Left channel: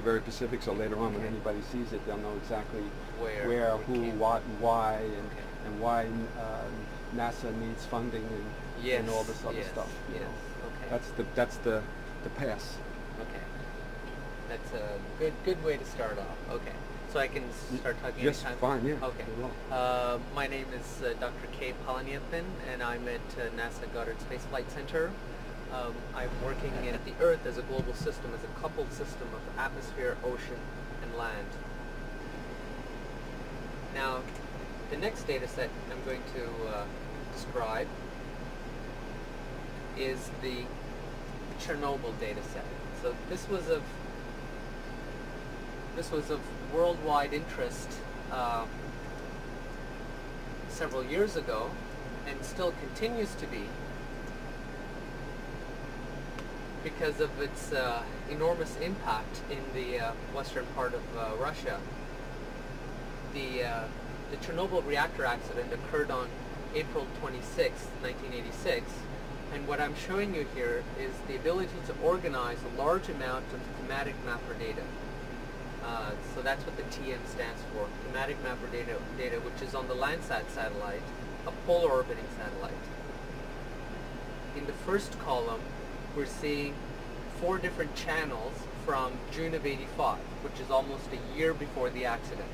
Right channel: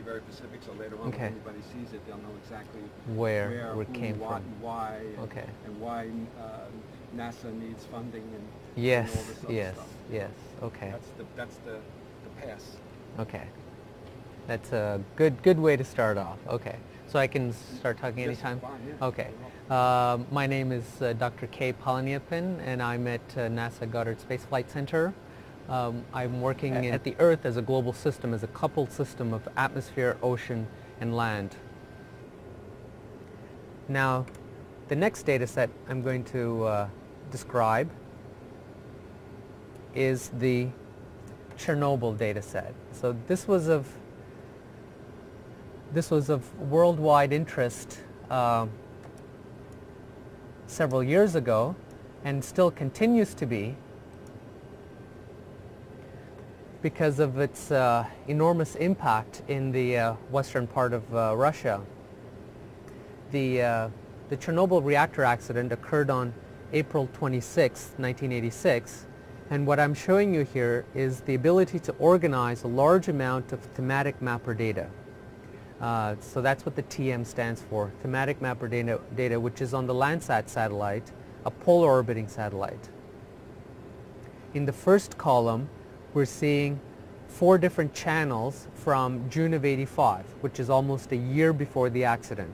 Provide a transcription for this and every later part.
be very specific, so later on when anybody sees it, they'll know exactly where who, came what, from. why, and why NASA needs funding and all this other stuff. Yes. Okay. That's the pass. Okay. That's a good way to start off. Okay. So I can start talking anytime? Fine, yeah. Okay. My name is Dr. K. Palaniappan, and I'm at NASA Goddard Space Flight Center. I'm working at the Earth as a global system, as a coupled system of atmosphere, ocean, and land. Now, the next data set I'm going to describe is the Chernobyl data set. So this was of worldwide interest several years ago, and still continues to be, because of its enormous impact in the western part of Russia. The Chernobyl reactor accident occurred on April 26, 1986, and what I'm showing you here is the ability to organize a large amount of thematic mapper data. So that's what the TM stands for, thematic mapper data, which is on the Landsat satellite, a polar orbiting satellite. In the first column, we're seeing 4 different channels from June of '85, which is almost a year before the accident.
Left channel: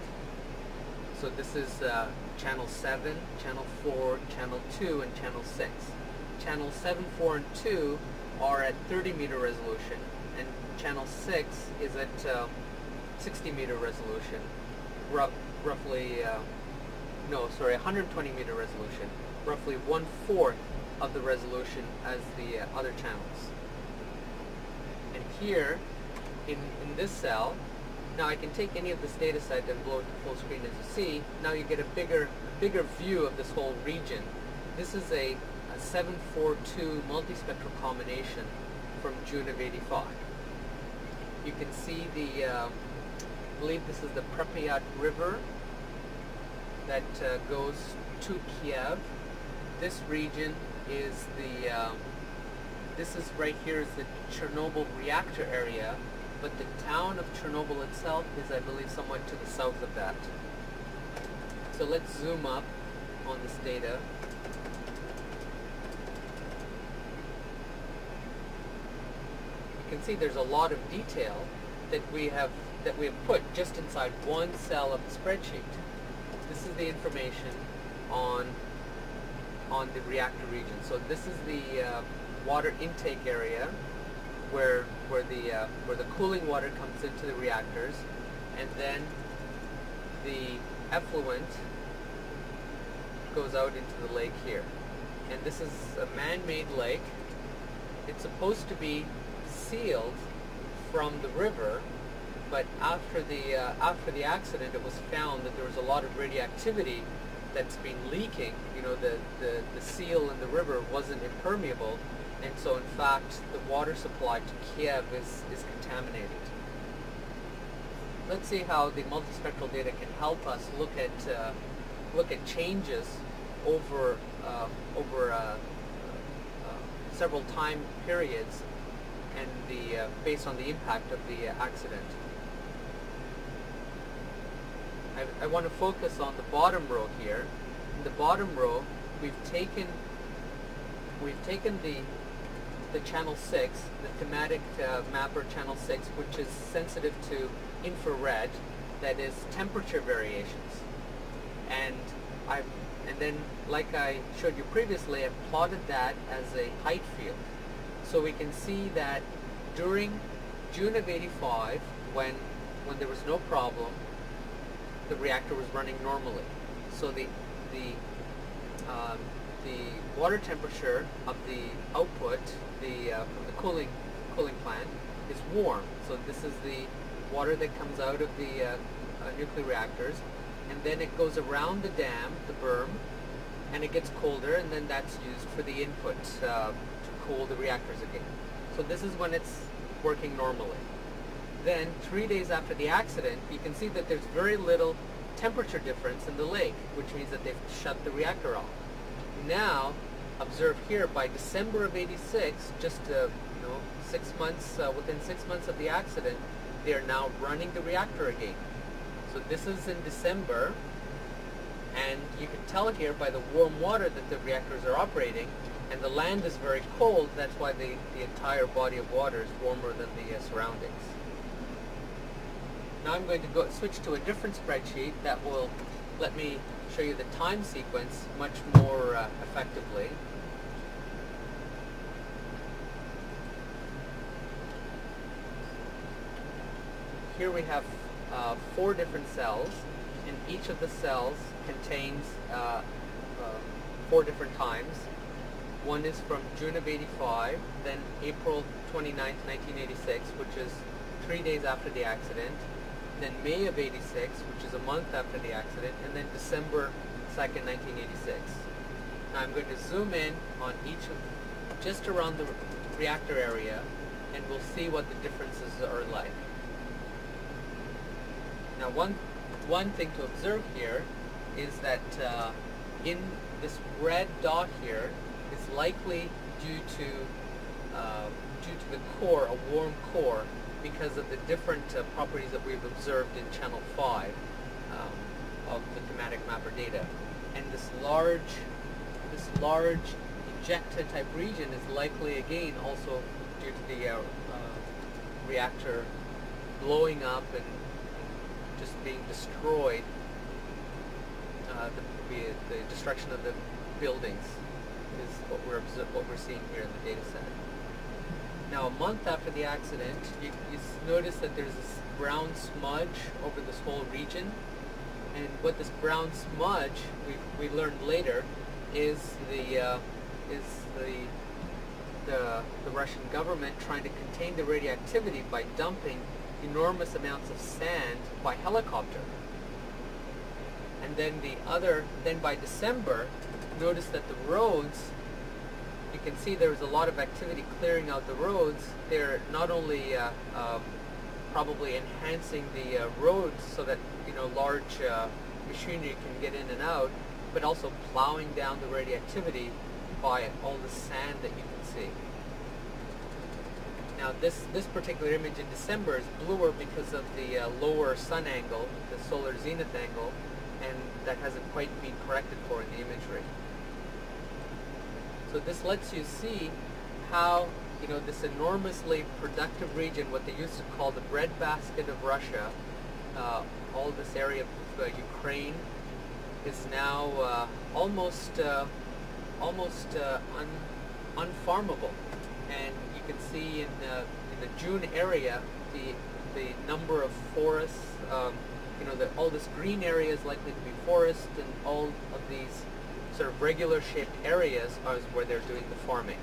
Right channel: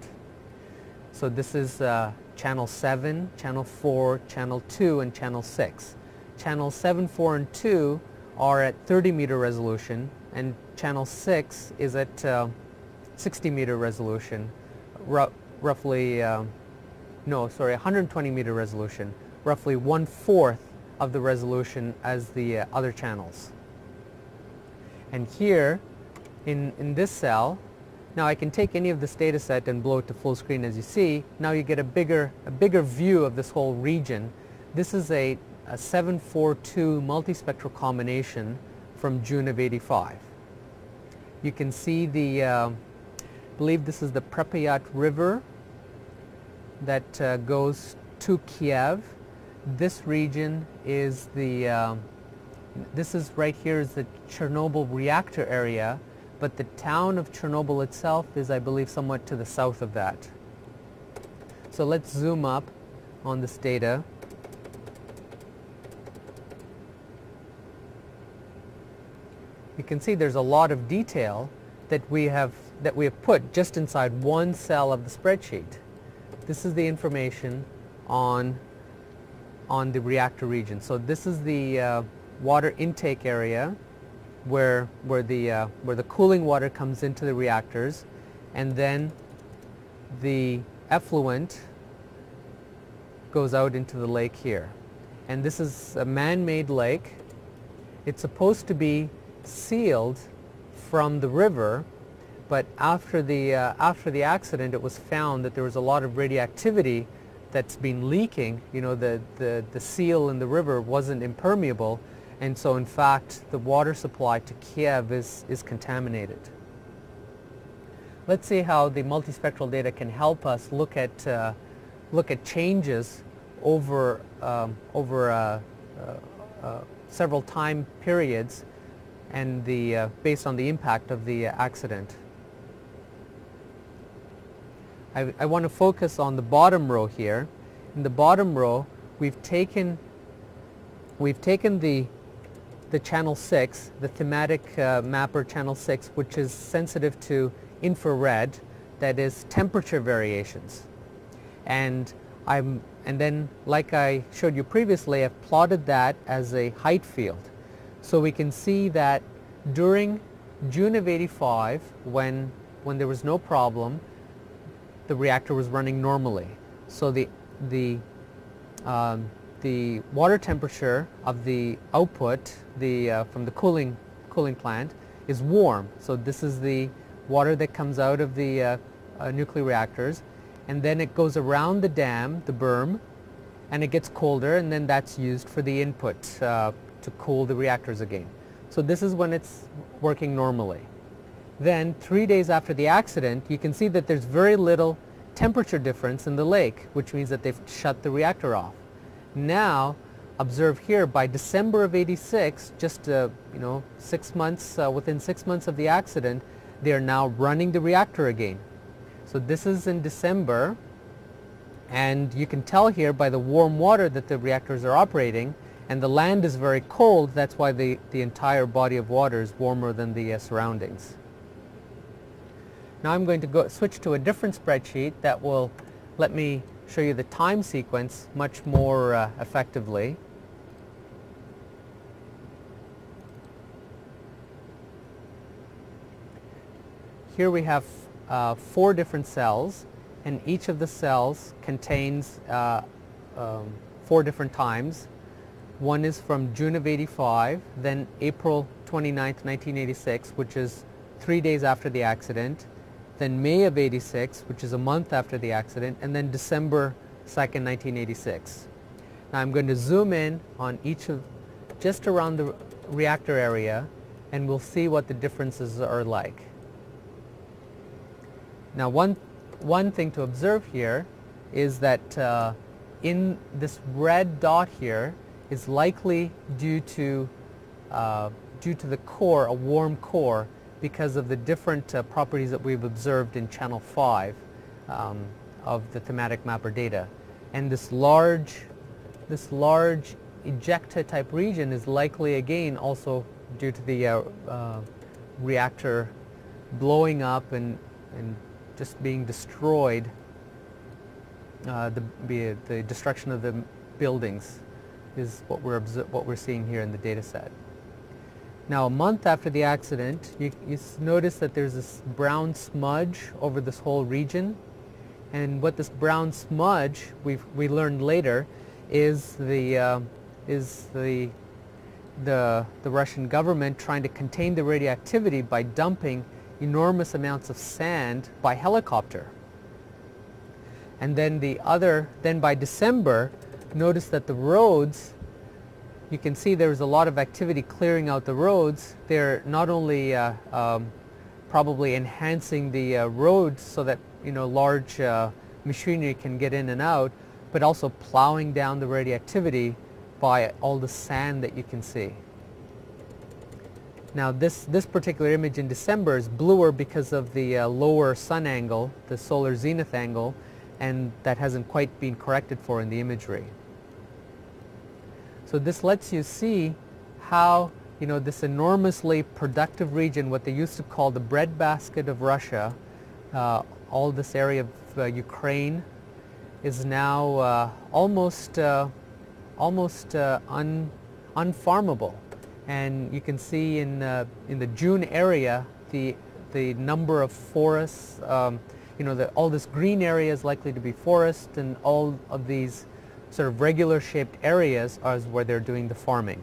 So this is channel 7, channel 4, channel 2, and channel 6. Channels 7, 4, and 2 are at 30-meter resolution, and channel 6 is at 60-meter resolution, roughly, 120-meter resolution, roughly 1/4 of the resolution as the other channels. And here, in this cell, now I can take any of this data set and blow it to full screen, as you see. Now you get a bigger view of this whole region. This is a 742 multispectral combination from June of '85. You can see the, I believe this is the Pripyat River that goes to Kiev. This region is the, this is right here is the Chernobyl reactor area, but the town of Chernobyl itself is, I believe, somewhat to the south of that. So let's zoom up on this data. You can see there's a lot of detail that we have put just inside one cell of the spreadsheet. This is the information on the reactor region. So this is the water intake area where the cooling water comes into the reactors, and then the effluent goes out into the lake here. And this is a man-made lake. It's supposed to be sealed from the river, but after the accident, it was found that there was a lot of radioactivity that's been leaking. You know, the seal in the river wasn't impermeable, and so in fact the water supply to Kiev is contaminated. Let's see how the multispectral data can help us look at changes over several time periods, and based on the impact of the accident. I want to focus on the bottom row here. In the bottom row, we've taken the channel 6, the thematic mapper channel 6, which is sensitive to infrared, that is temperature variations, and then, like I showed you previously, I've plotted that as a height field. So we can see that during June of '85, when there was no problem, the reactor was running normally. So the water temperature of the output, from the cooling plant, is warm. So this is the water that comes out of the nuclear reactors, and then it goes around the dam, the berm, and it gets colder, and then that's used for the input to cool the reactors again. So this is when it's working normally. Then 3 days after the accident, you can see that there's very little temperature difference in the lake, which means that they've shut the reactor off. Now, observe here, by December of '86, just 6 months, within 6 months of the accident, they are now running the reactor again. So this is in December, and you can tell here by the warm water that the reactors are operating, and the land is very cold. That's why the entire body of water is warmer than the surroundings. Now I'm going to switch to a different spreadsheet that will let me show you the time sequence much more effectively. Here we have 4 different cells, and each of the cells contains 4 different times. One is from June of '85, then April 29th, 1986, which is 3 days after the accident, then May of '86, which is a month after the accident, and then December 2nd, 1986. Now I'm going to zoom in on each of, just around the reactor area, and we'll see what the differences are like. Now one thing to observe here is that in this red dot here is likely due to the core, a warm core, because of the different properties that we've observed in channel 5 of the thematic mapper data. And this large ejecta type region is likely again also due to the reactor blowing up and just being destroyed, the destruction of the buildings is what we're seeing here in the data set. Now a month after the accident, you notice that there's this brown smudge over this whole region, and what this brown smudge we learned later is the Russian government trying to contain the radioactivity by dumping enormous amounts of sand by helicopter. And then by December, notice that the roads, you can see there's a lot of activity clearing out the roads. They're not only probably enhancing the roads so that large machinery can get in and out, but also plowing down the radioactivity by all the sand that you can see. Now this particular image in December is bluer because of the lower sun angle, the solar zenith angle, and that hasn't quite been corrected for in the imagery. So this lets you see how this enormously productive region, what they used to call the breadbasket of Russia, all this area of Ukraine, is now almost unfarmable. And you can see in the June area the number of forests. All this green area is likely to be forest, and all of these sort of regular shaped areas are where they're doing the farming.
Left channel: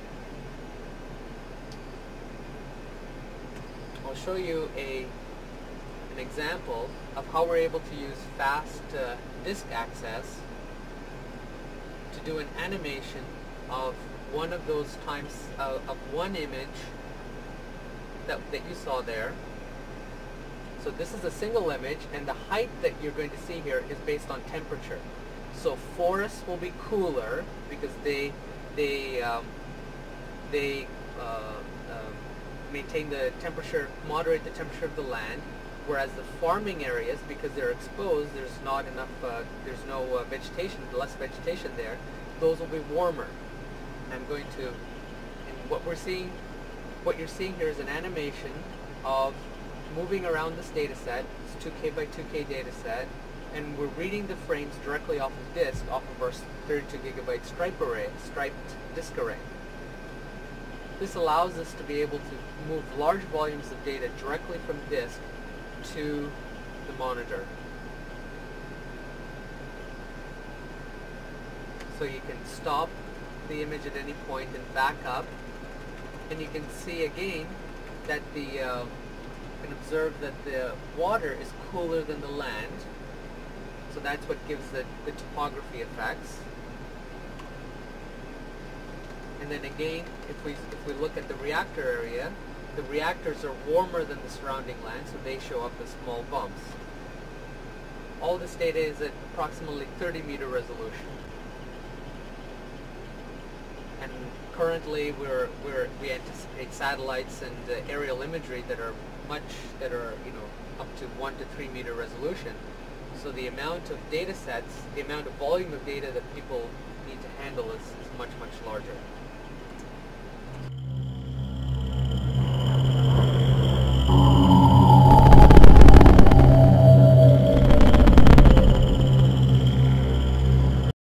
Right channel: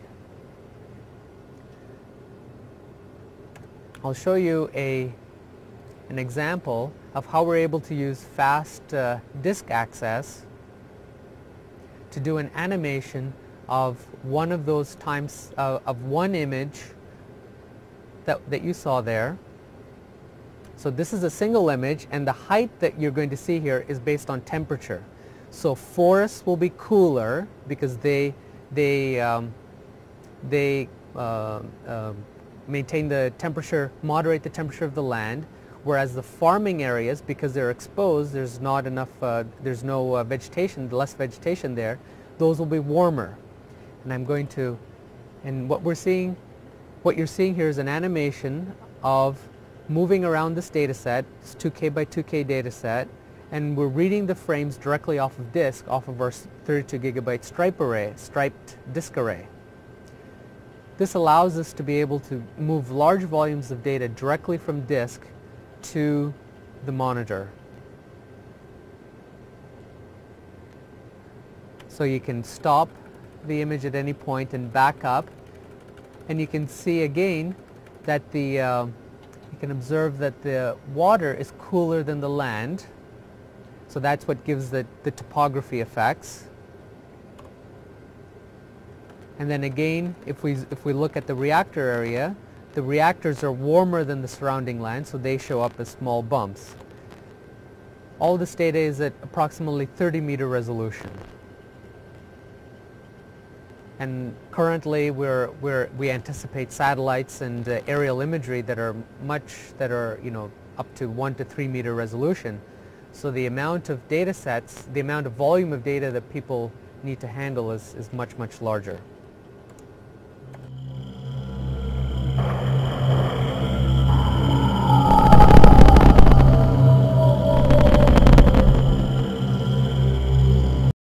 I'll show you an example of how we're able to use fast disk access to do an animation of one of those times of one image that you saw there. So this is a single image, and the height that you're going to see here is based on temperature. So forests will be cooler because they maintain the temperature, moderate the temperature of the land, whereas the farming areas, because they're exposed, there's not enough, there's no vegetation, less vegetation there, those will be warmer. And what you're seeing here is an animation of moving around this data set. It's 2K by 2K data set, and we're reading the frames directly off of disk, off of our 32 gigabyte striped disk array. This allows us to be able to move large volumes of data directly from disk to the monitor. So you can stop the image at any point and back up, and you can see again that you can observe that the water is cooler than the land, so that's what gives the topography effects. And then again, if we look at the reactor area, the reactors are warmer than the surrounding land, so they show up as small bumps. All this data is at approximately 30-meter resolution. And Currently, we anticipate satellites and aerial imagery that are up to 1 to 3 meter resolution. So the amount of data sets, the amount of volume of data that people need to handle is much, much larger.